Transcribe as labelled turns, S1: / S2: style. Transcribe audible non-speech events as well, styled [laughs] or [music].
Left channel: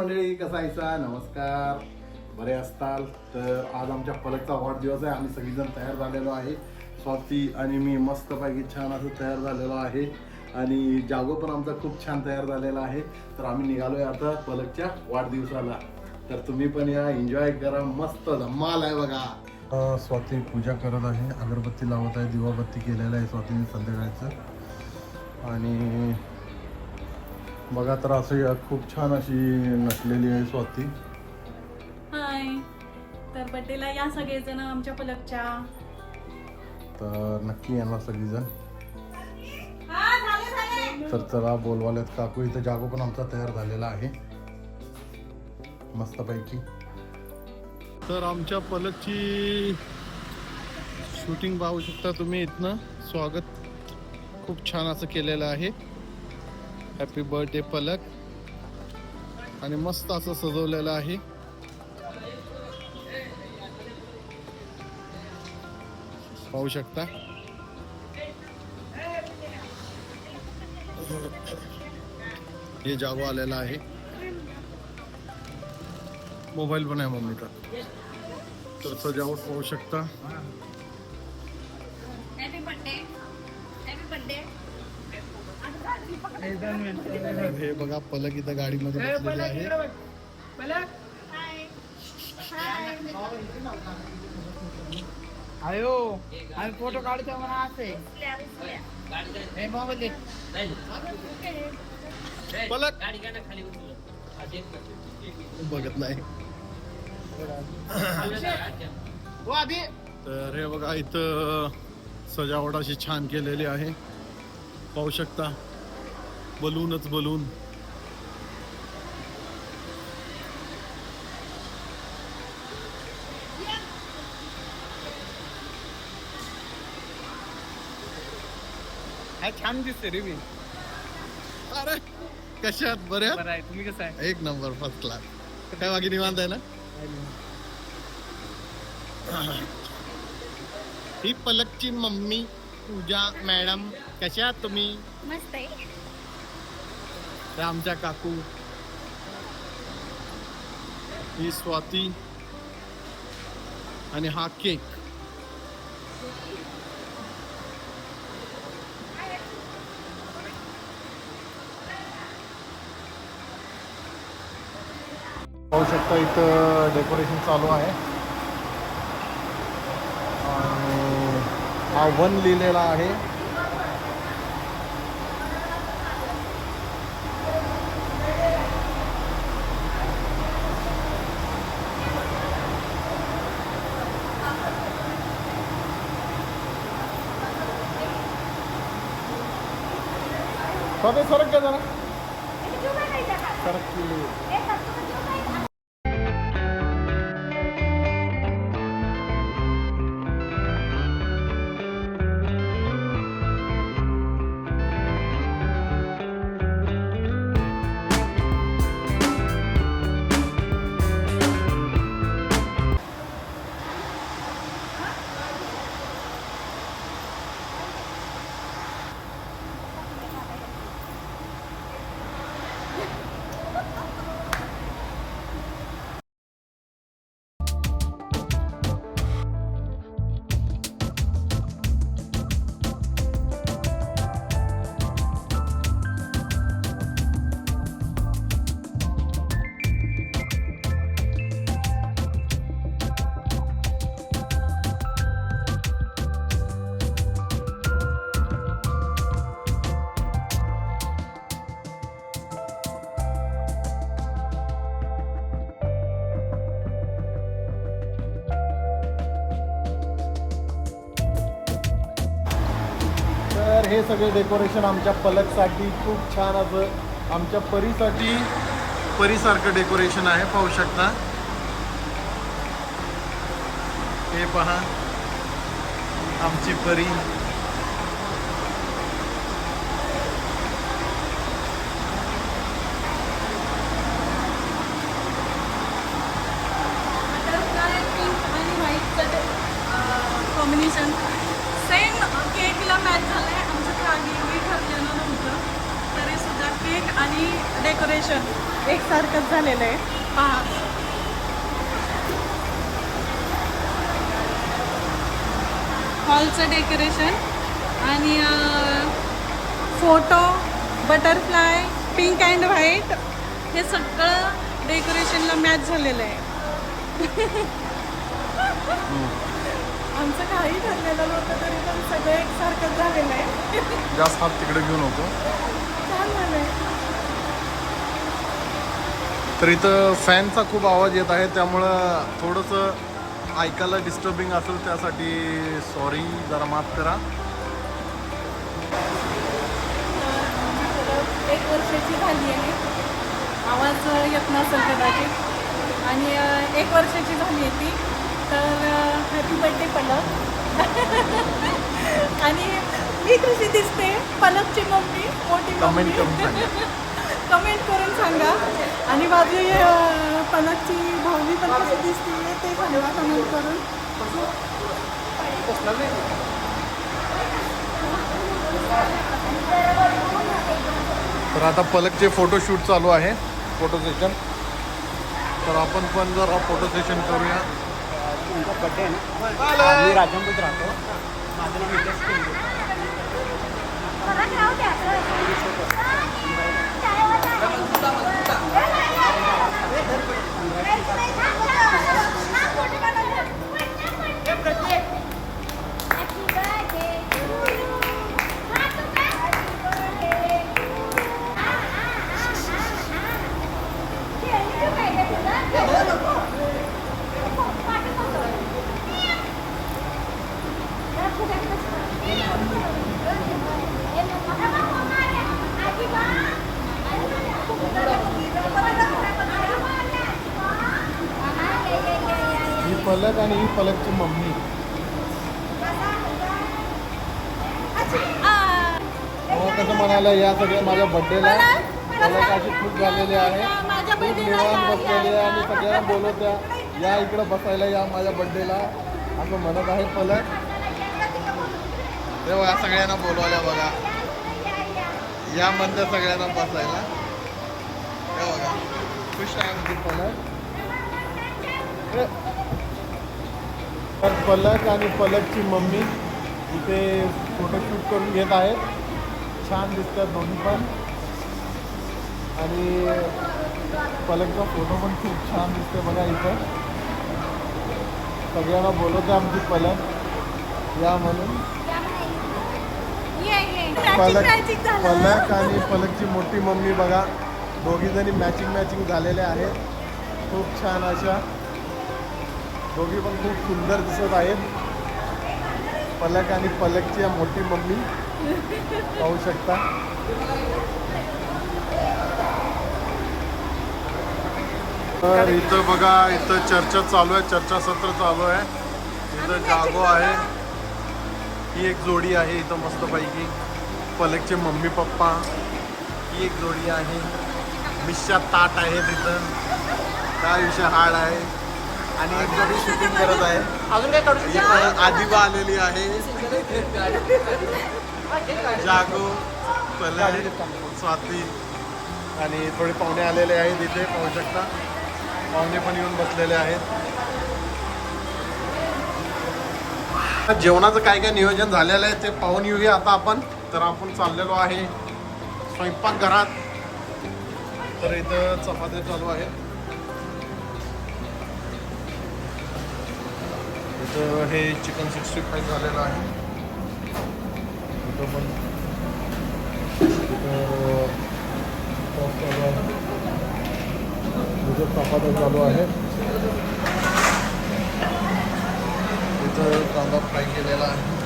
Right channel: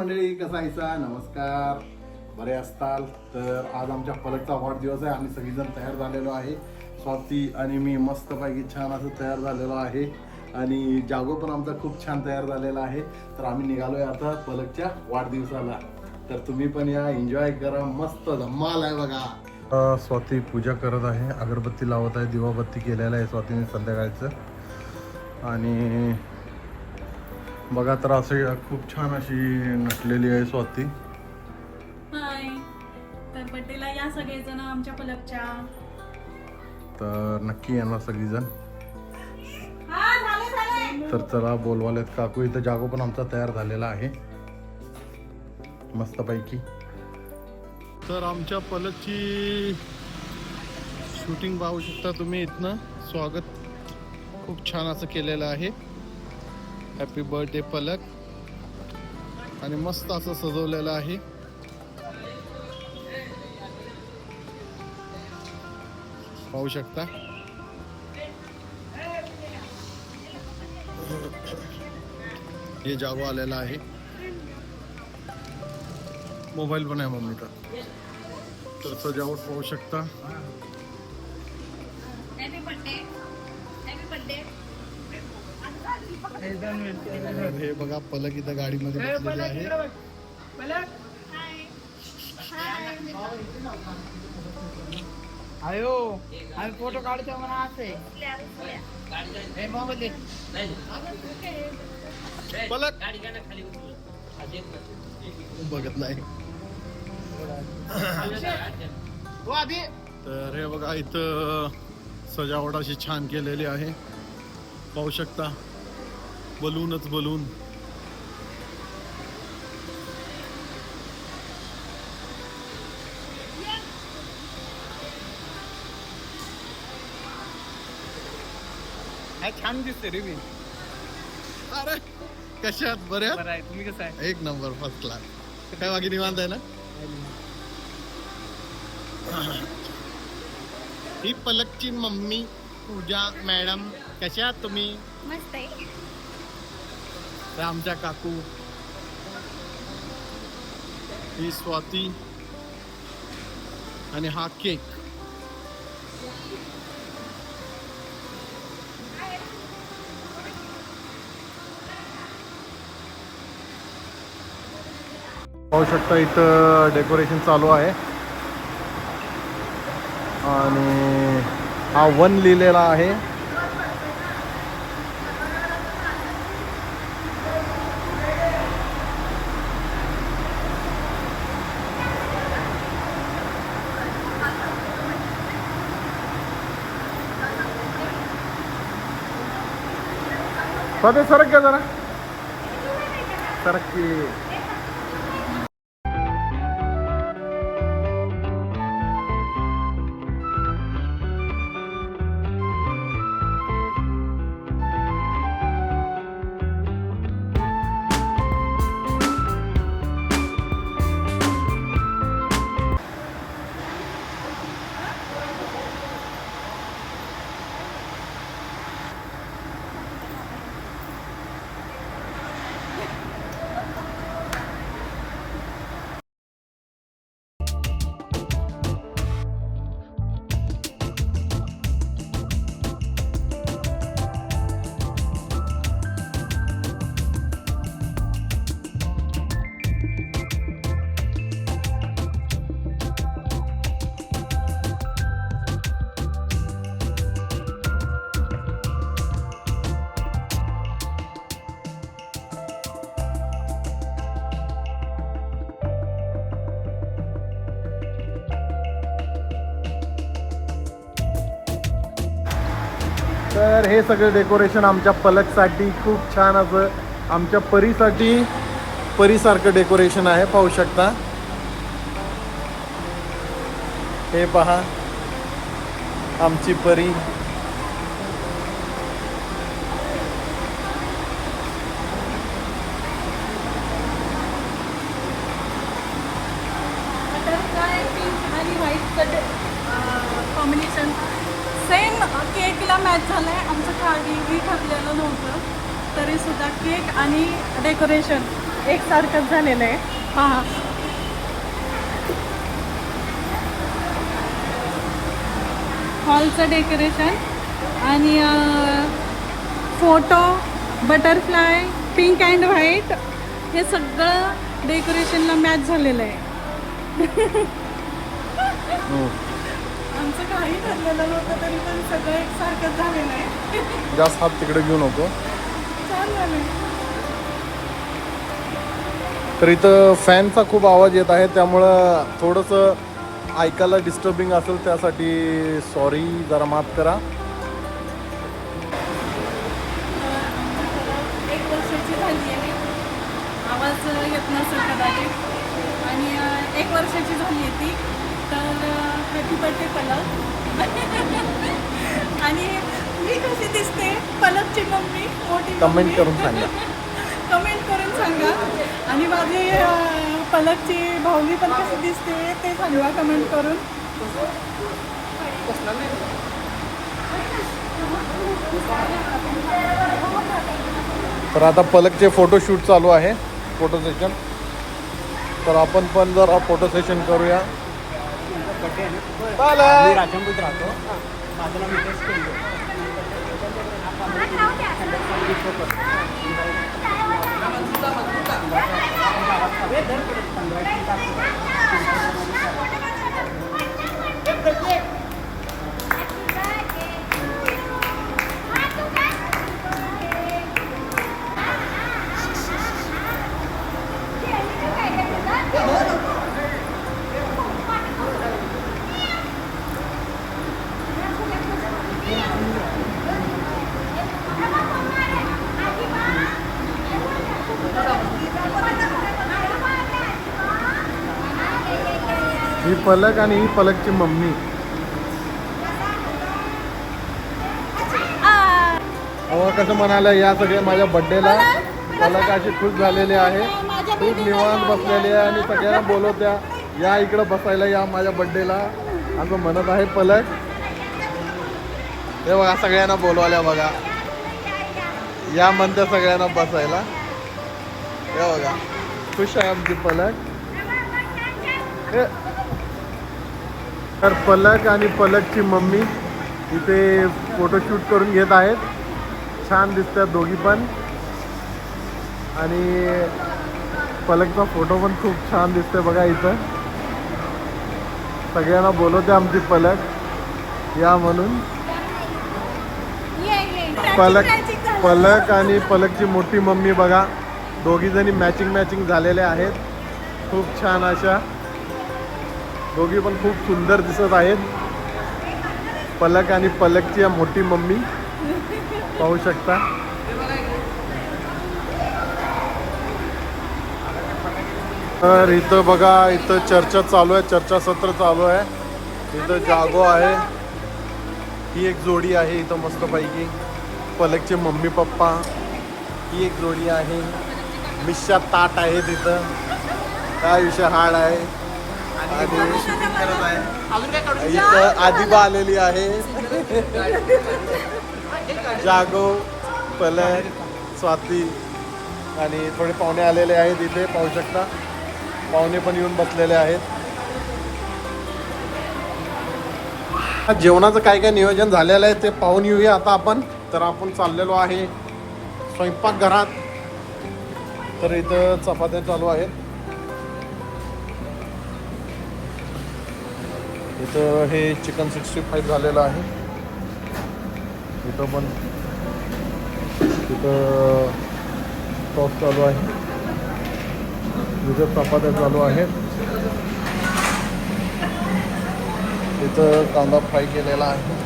S1: मंडळी कसा आहेसा? नमस्कार. बरे असताल तर आज आमच्या पलकचा वाढदिवस आहे. आम्ही सगळीजण तयार झालेलो आहे. स्वाती आणि मी मस्तपैकी छान असं तयार झालेलो आहे. आणि जागो पण आमचा खूप छान तयार झालेला आहे. तर आम्ही निघालोय आता पलकच्या वाढदिवसाला. तर तुम्ही पण या एन्जॉय करा. मस्त धम्माल आहे बघा. स्वाती पूजा करत आहे. अगरबत्ती लावत आहे. दिवाबत्ती केलेला आहे स्वातीने संध्याकाळचं. आणि बघा तर असे खूप छान अशी नटलेली आहे स्वाती.
S2: हाय. तर बड्डेला या सगळेजण आमच्या पलकच्या
S1: तर नक्की येणार सगळीजण. तर चला बोलवालेत काकू. इथं जागो पण आमचा तयार झालेला आहे. मस्तपैकी. तर आमच्या पलकची शूटिंग पाहू शकता तुम्ही इथनं. स्वागत खूप छान असं केलेलं आहे. हॅपी बर्थडे पलक आणि मस्त असं सजवलेलं आहे. पाहू शकता. हे जागो आलेला आहे. मोबाईल पण आहे मम्मीचा. तर सजावट पाहू शकता.
S2: हॅपी बर्थडे हॅपी बर्थडे
S1: हे बघा पलक इथं गाडीमध्ये बसलेली आहे.
S3: अयो आम्ही फोटो काढतो म्हणा असे. हे मोबाईल दे.
S1: पलक. बघत नाही. तर हे बघा इथं सजावट अशी छान केलेली आहे. पाहू शकता. बलूनच बलून.
S3: हा छान दिसते रे मी.
S1: अरे कशात? बऱ्या
S3: बरं आहे. तुम्ही कसं आहे?
S1: एक नंबर फर्स्ट क्लास काय बाकी निवांत आहे ना? ही पलकची मम्मी पूजा मॅडम कशा आहात तुम्ही?
S2: मस्त आहे.
S1: त्या आमच्या काकू। ही स्वाती आणि हा केक। पाहू शकता इथं डेकोरेशन चालू आहे. आणि हा वन लिहिलेला आहे. स्वतः सरक का जरा तर हे सगळं डेकोरेशन आमच्या पलकसाठी खूप छान असं आमच्या परीसाठी परीसारखं डेकोरेशन आहे पाहू शकता. हे पहा. आमची परी.
S2: लुक आणि डेकोरेशन एकसारखंच झालेलं आहे. हॉलचं डेकोरेशन आणि photo butterfly pink and white हे सगळं डेकोरेशनला मॅच झालेलं आहे. आमचं काही ठरलेलं नव्हतं तरी पण सगळं एकसारखंच झालेलं आहे.
S1: जास्त हात तिकडे घेऊ नको. तर इथं फॅनचा खूप आवाज येत आहे त्यामुळं थोडंसं ऐकायला डिस्टर्बिंग असेल त्यासाठी सॉरी जरा माफ करा.
S2: एक वर्षाची झाली आहे. आवाज येत नसेल कदाचित. आणि एक वर्षाची झाली आहे ती. तर हॅपी बर्थडे [laughs] आणि कशी दिसते. पलकची मम्मी मोठी
S1: कमेंट. करून सांगा. [laughs]
S2: कमेंट करून सांगा. आणि माझी पलकची भावनी पण कशी दिसते ते सांगा कमेंट करून.
S1: तर आता पलकचे फोटो शूट चालू आहे फोटो सेशन तर आपण पण जरा फोटो सेशन करूया.
S3: मी राजंबूत राहतो. माझं नाव नितेश केंद्रे
S1: ही पलक आणि ही पलकची मम्मी. कसं म्हणाला या सगळ्या माझ्या बड्डेला पलक अशी खुश झालेली आहे. खूप निवांत बसलेली आहे आणि सगळ्यांना बोलवत्या या इकडं बसायला या माझ्या बड्डेला असं म्हणत आहे पलक. ते बघा सगळ्यांना बोलवल्या बघा. या म्हणत्या सगळ्यांना बसायला. हे बघा खुश आहे आमची पलक. हे. तर पलक आणि पलकची मम्मी इथे फोटोशूट करून घेत आहेत. छान दिसतात दोघी पण. आणि पलकचा फोटो पण खूप छान दिसतोय बघा इथं. सगळ्यांना बोलवते आमची पलक. या म्हणून. पलक पलक आणि पलकची मोठी मम्मी बघा. दोघी जणी मॅचिंग मॅचिंग झालेल्या आहेत. खूप छान अशा. दोघी पण खूप सुंदर दिसत आहेत. पलक आणि पलकची या मोठी मम्मी. पाहू शकता. तर इथं बघा इथं चर्चा चालू आहे. चर्चा सत्र चालू आहे. इथं जागो आहे. ही एक जोडी आहे इथं मस्तपैकी. पलकचे मम्मी पप्पा. ही एक जोडी आहे. मिश्या ताट आहे तिथं काय विषय हाड आहे? आणि शूटिंग करत आहे. इथं आदिबा आलेली आहे. जागो पलन स्वाती आणि थोडे पाहुणे आलेले आहेत इथे पाहू शकता. पाहुणे पण येऊन बसलेले आहेत. जेवणाचं काय काय नियोजन झालेलं आहे ते पाहून येऊया आता आपण. तर आपण चाललेलो आहे स्वयंपाकघरात. तर इथं चपात्या चालू आहेत. इथं हे चिकन सिक्स्टी फाईव्ह झालेलं आहे. इथं पण इथं टॉप चालू आहे. इथं चपात्या चालू आहेत. इथं कांदा फ्राय केलेला आहे.